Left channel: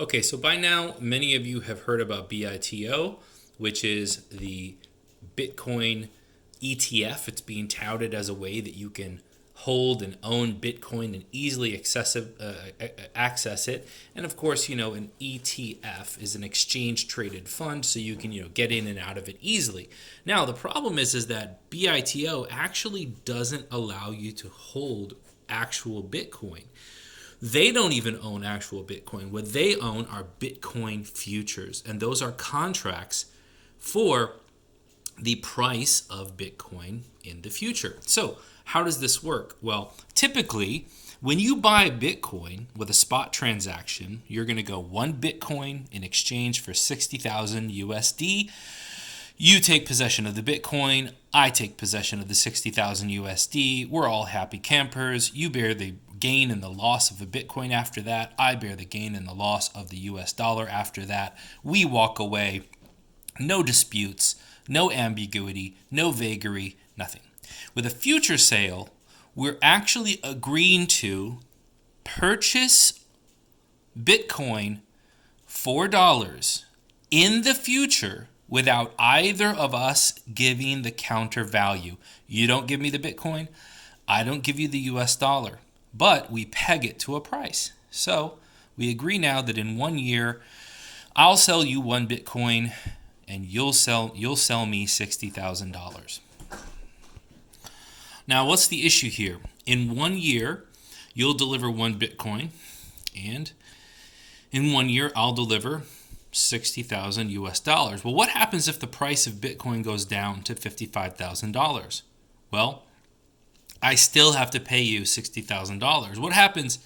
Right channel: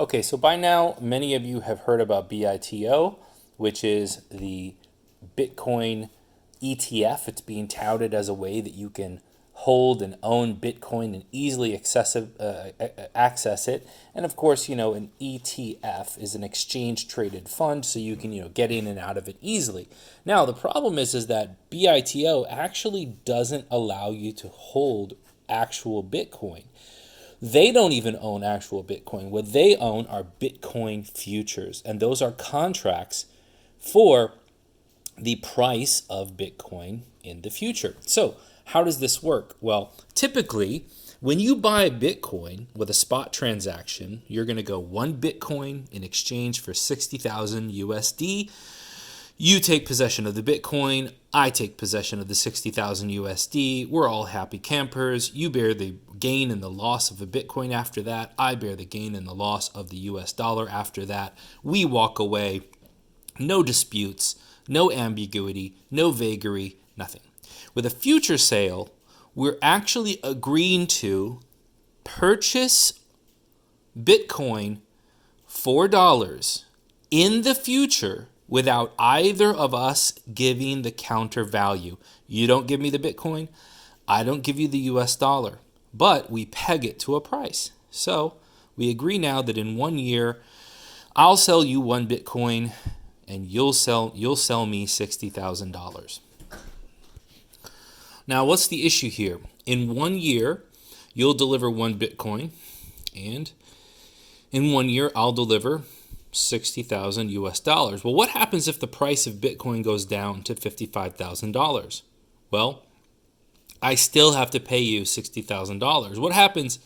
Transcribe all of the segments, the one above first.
Okay, so by now, many of you have heard about BITO, which is the Bitcoin ETF. It's being touted as a way that you can hold and own Bitcoin and easily access it. And of course, an ETF is an exchange traded fund, so you can, get in and out of it easily. Now, the problem is that BITO actually doesn't allow you to hold actual Bitcoin. They don't even own actual Bitcoin. What they own are Bitcoin futures, and those are contracts for the price of Bitcoin in the future. So, how does this work? Well, typically, when you buy Bitcoin with a spot transaction, you're going to go 1 Bitcoin in exchange for 60,000 USD. You take possession of the Bitcoin, I take possession of the 60,000 USD. We're all happy campers. You bear the gain and the loss of a Bitcoin after that. I bear the gain and the loss of the US dollar after that. We walk away. No disputes, no ambiguity, no vagary, nothing. With a future sale, we're actually agreeing to purchase Bitcoin for dollars in the future without either of us giving the counter value. You don't give me the Bitcoin, I don't give you the US dollar, but we peg it to a price. So we agree now that in 1 year, I'll sell you 1 Bitcoin and you'll sell me $60,000. Now, what's the issue here? In 1 year, you'll deliver 1 Bitcoin, and in 1 year, I'll deliver 60,000 US dollars. Well, what happens if the price of Bitcoin goes down to $55,000? Well, I still have to pay you $60,000. What happens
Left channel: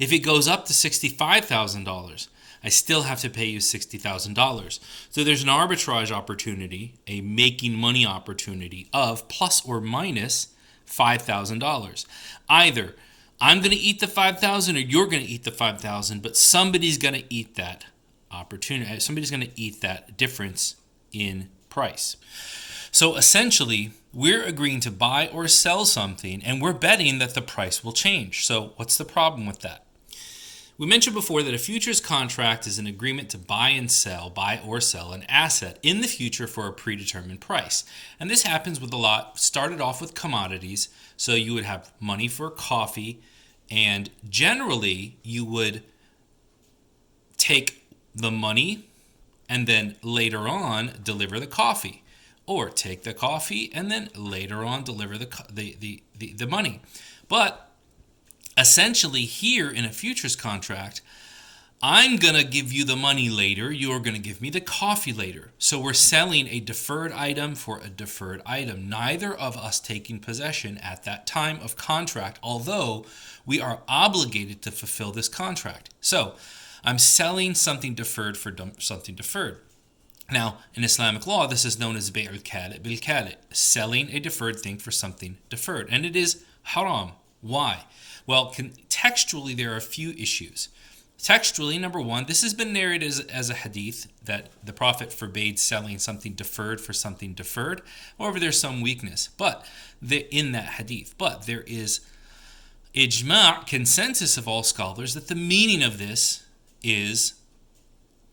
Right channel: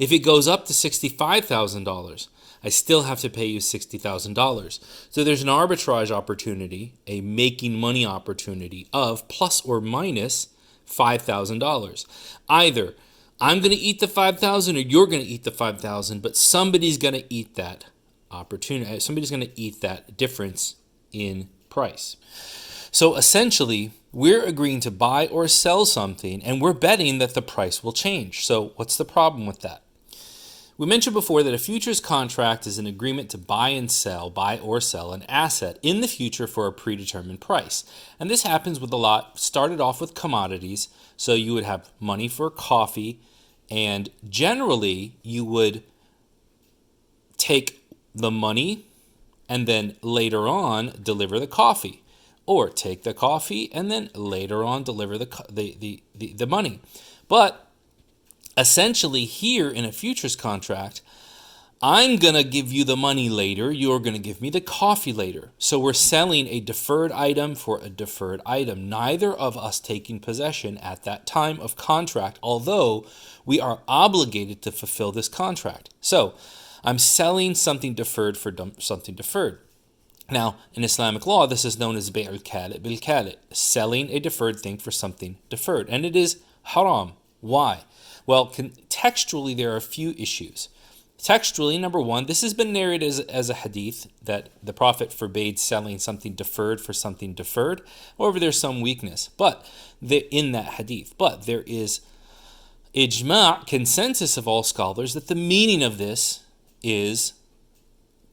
if it goes up to $65,000? I still have to pay you $60,000. So there's an arbitrage opportunity, a making money opportunity of plus or minus $5,000. Either I'm going to eat the $5,000 or you're going to eat the $5,000, but somebody's going to eat that opportunity. Somebody's going to eat that difference in price. So essentially, we're agreeing to buy or sell something, and we're betting that the price will change. So what's the problem with that? We mentioned before that a futures contract is an agreement to buy or sell an asset in the future for a predetermined price. And this happens with a lot. Started off with commodities. So you would have money for coffee, and generally you would take the money and then later on deliver the coffee, or take the coffee and then later on deliver the money. But essentially here in a futures contract, I'm going to give you the money later, you're going to give me the coffee later. So we're selling a deferred item for a deferred item, neither of us taking possession at that time of contract, although we are obligated to fulfill this contract. So I'm selling something deferred for something deferred. Now, in Islamic law, this is known as bay'ul kali' bil kali', selling a deferred thing for something deferred. And it is haram. Why? Well, textually, there are a few issues. Textually, number one, this has been narrated as a hadith that the Prophet forbade selling something deferred for something deferred. However, there's some weakness in that hadith. But there is ijma', consensus of all scholars, that the meaning of this is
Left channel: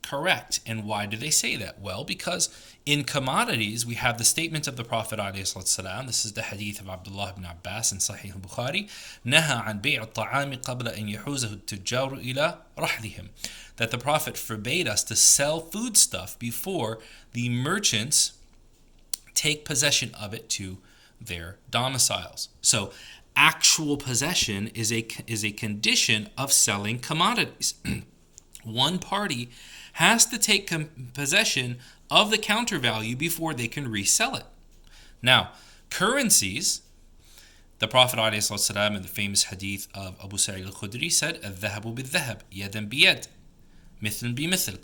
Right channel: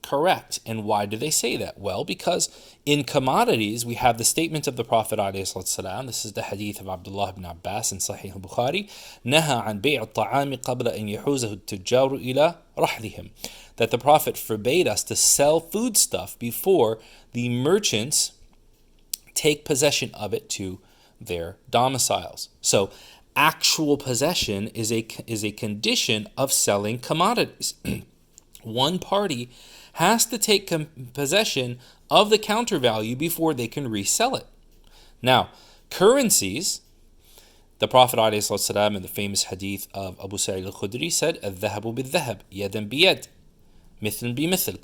correct. And why do they say that? Well, because in commodities, we have the statement of the Prophet ﷺ. This is the hadith of Abdullah ibn Abbas in Sahih al-Bukhari. نَهَى عَنْ بَيْعِ الطَّعَامِ قَبْلَ أَنْ يَحُوزَهُ التُّجَّارُ إِلَى رَحْلِهِمْ. That the Prophet forbade us to sell foodstuff before the merchants take possession of it to their domiciles. So actual possession is a condition of selling commodities. One party has to take possession of the counter value before they can resell it. Now, currencies, the Prophet ﷺ in the famous hadith of Abu Sa'id al-Khudri said, الذهب بالذهب يدا بيد مثل بمثل,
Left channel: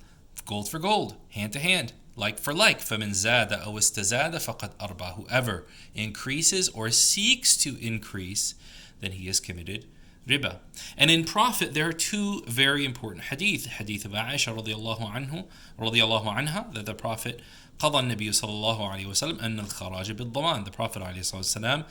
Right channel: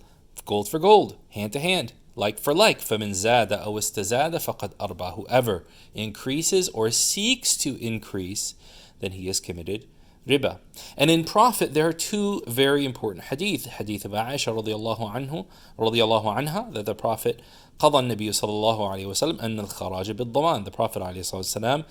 gold for gold, hand to hand, like for like. فَمَنْ زَادَ أَوْ اسْتَزَادَ فَقَدْ أَرْبَى. Whoever increases or seeks to increase, then he has committed riba. And in profit, there are two very important hadith. Hadith of Aisha radiallahu anha, that the Prophet قضى النبي صلى الله عليه وسلم أن الخراج بالضمان. The Prophet عليه الصلاة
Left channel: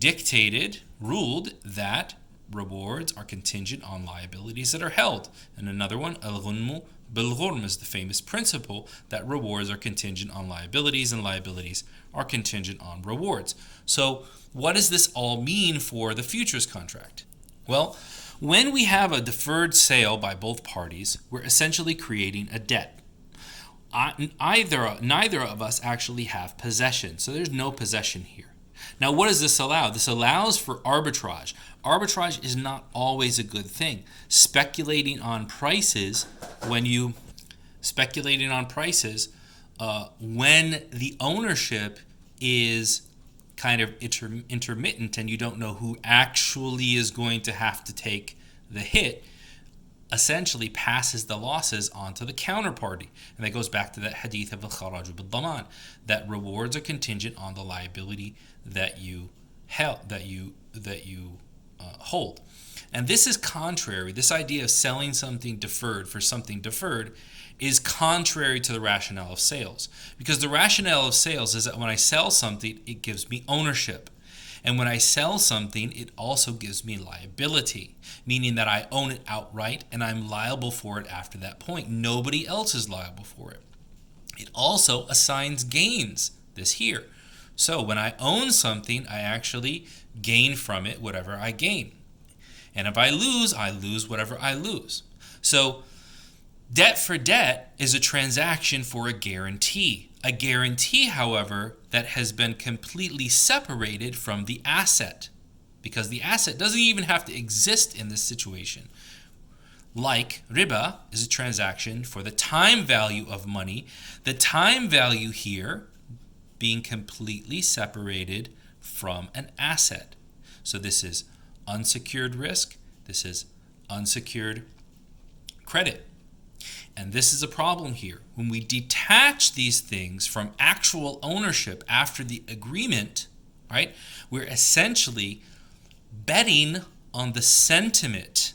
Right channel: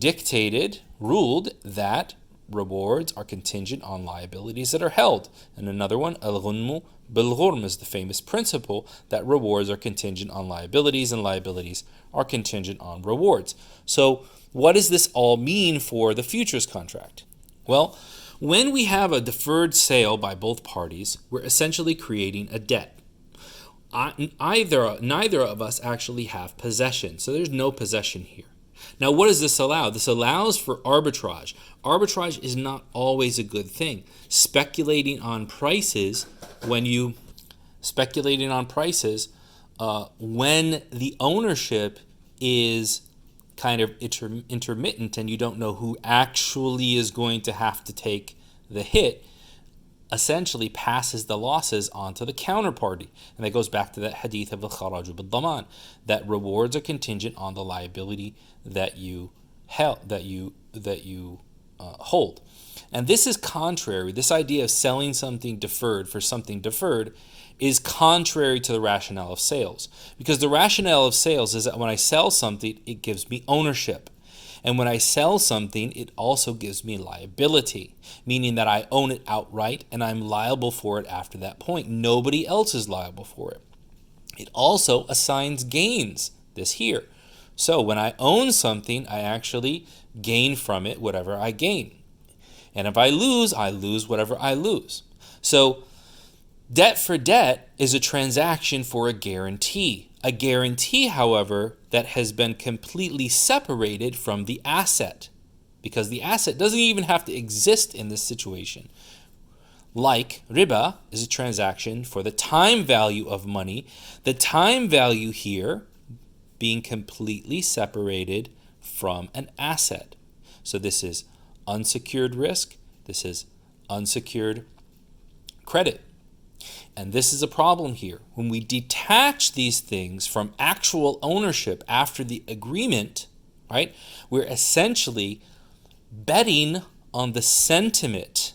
والسلام ruled that rewards are contingent on liabilities that are held. And another one, al-ghunmu bil-ghurm, is the famous principle that rewards are contingent on liabilities and liabilities are contingent on rewards. So what does this all mean for the futures contract? Well, when we have a deferred sale by both parties, we're essentially creating a debt. Neither of us actually have possession, so there's no possession here. Now, what does this allow? This allows for arbitrage. Arbitrage is not always a good thing. Speculating on prices when the ownership is kind of intermittent and you don't know who actually is going to have to take the hit, essentially passes the losses onto the counterparty. And that goes back to that hadith of al-kharaju bil-daman, that rewards are contingent on the liability that you hold. And this is contrary. This idea of selling something deferred for something deferred is contrary to the rationale of sales. Because the rationale of sales is that when I sell something, it gives me ownership. And when I sell something, it also gives me liability, meaning that I own it outright and I'm liable for it after that point. Nobody else is liable for it. It also assigns gains, this here. So when I own something, I actually gain from it whatever I gain. And if I lose whatever I lose. So debt for debt is a transaction for a guarantee. A guarantee, however, that has been completely separated from the asset, because the asset doesn't even have to exist in this situation. Like riba is a transaction for the time value of money, the time value here being completely separated from an asset. So this is unsecured risk, this is unsecured credit. And this is a problem here. When we detach these things from actual ownership after the agreement, right, we're essentially betting on the sentiment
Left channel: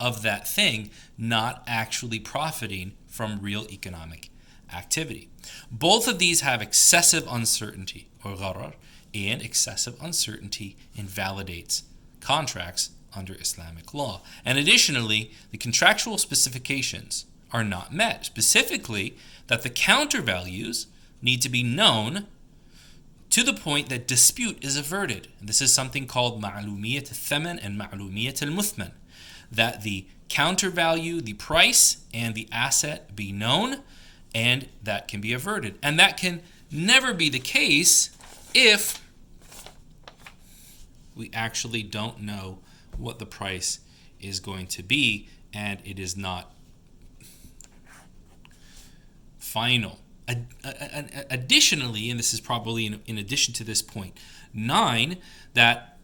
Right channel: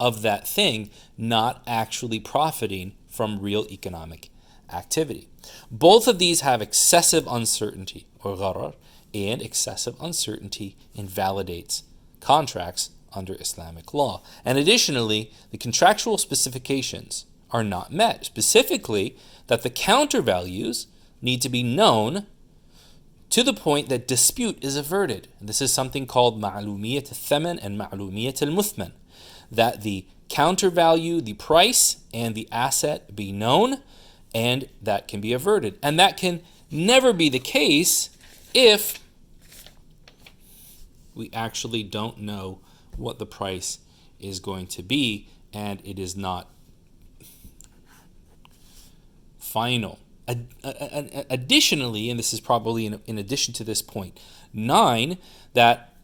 of that thing, not actually profiting from real economic activity. Both of these have excessive uncertainty, or gharar, and excessive uncertainty invalidates contracts under Islamic law. And additionally, the contractual specifications are not met, specifically that the countervalues need to be known to the point that dispute is averted. And this is something called ma'lumiyat al-thaman and ma'lumiyat al-muthman, that the countervalue, the price, and the asset be known, and that can be averted. And that can never be the case if we actually don't know what the price is going to be and it is not final. Additionally, and this is probably in addition to this point 9, that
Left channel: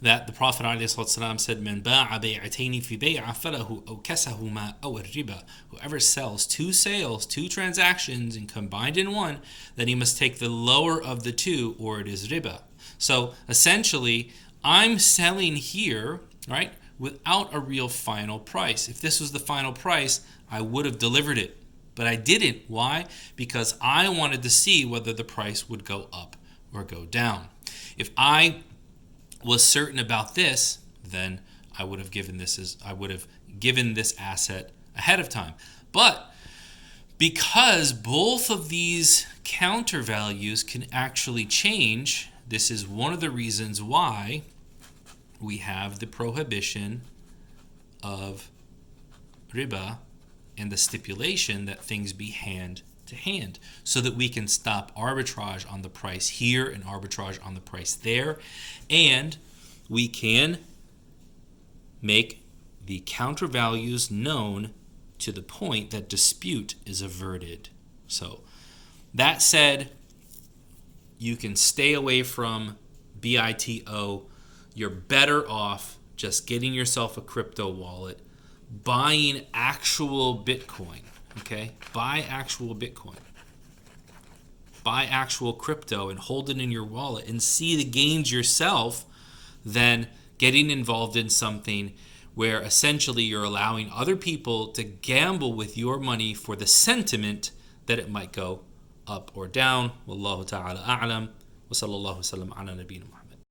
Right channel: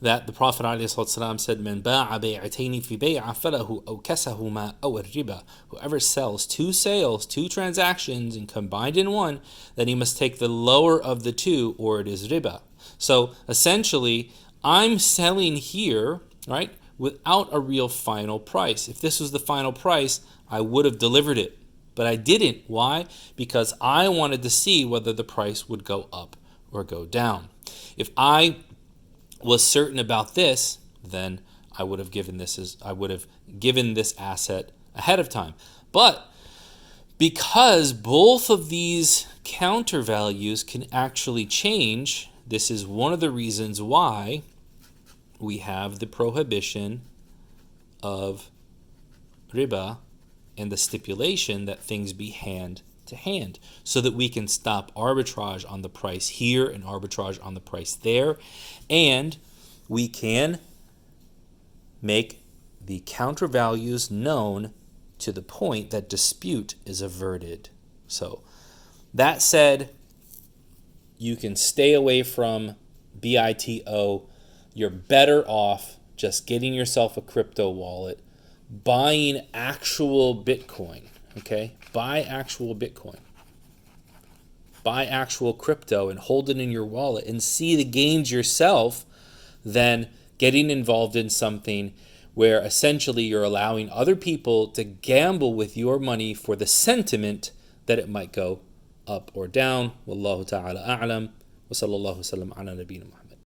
the Prophet ﷺ said, "Man ba'a bay'ataini fi bay'a falahu awkasahuma aw ar-riba." Whoever sells two sales, two transactions, and combined in one, then he must take the lower of the two, or it is riba. So essentially, I'm selling here, right, without a real final price. If this was the final price, I would have delivered it, but I didn't. Why? Because I wanted to see whether the price would go up or go down. If I was certain about this, then I would have given this asset ahead of time. But because both of these countervalues can actually change, this is one of the reasons why we have the prohibition of riba and the stipulation that things be hand to hand, so that we can stop arbitrage on the price here and arbitrage on the price there, and we can make the countervalues known to the point that dispute is averted. So that said, you can stay away from BITO. You're better off just getting yourself a crypto wallet, buying actual Bitcoin, okay? Buy actual Bitcoin. Buy actual crypto and hold it in your wallet and see the gains yourself, than getting involved in something where essentially you're allowing other people to gamble with your money for the sentiment that it might go up or down. Wallahu ta'ala a'lam. Wa sallallahu wa sallam ala nabiyyina Muhammad.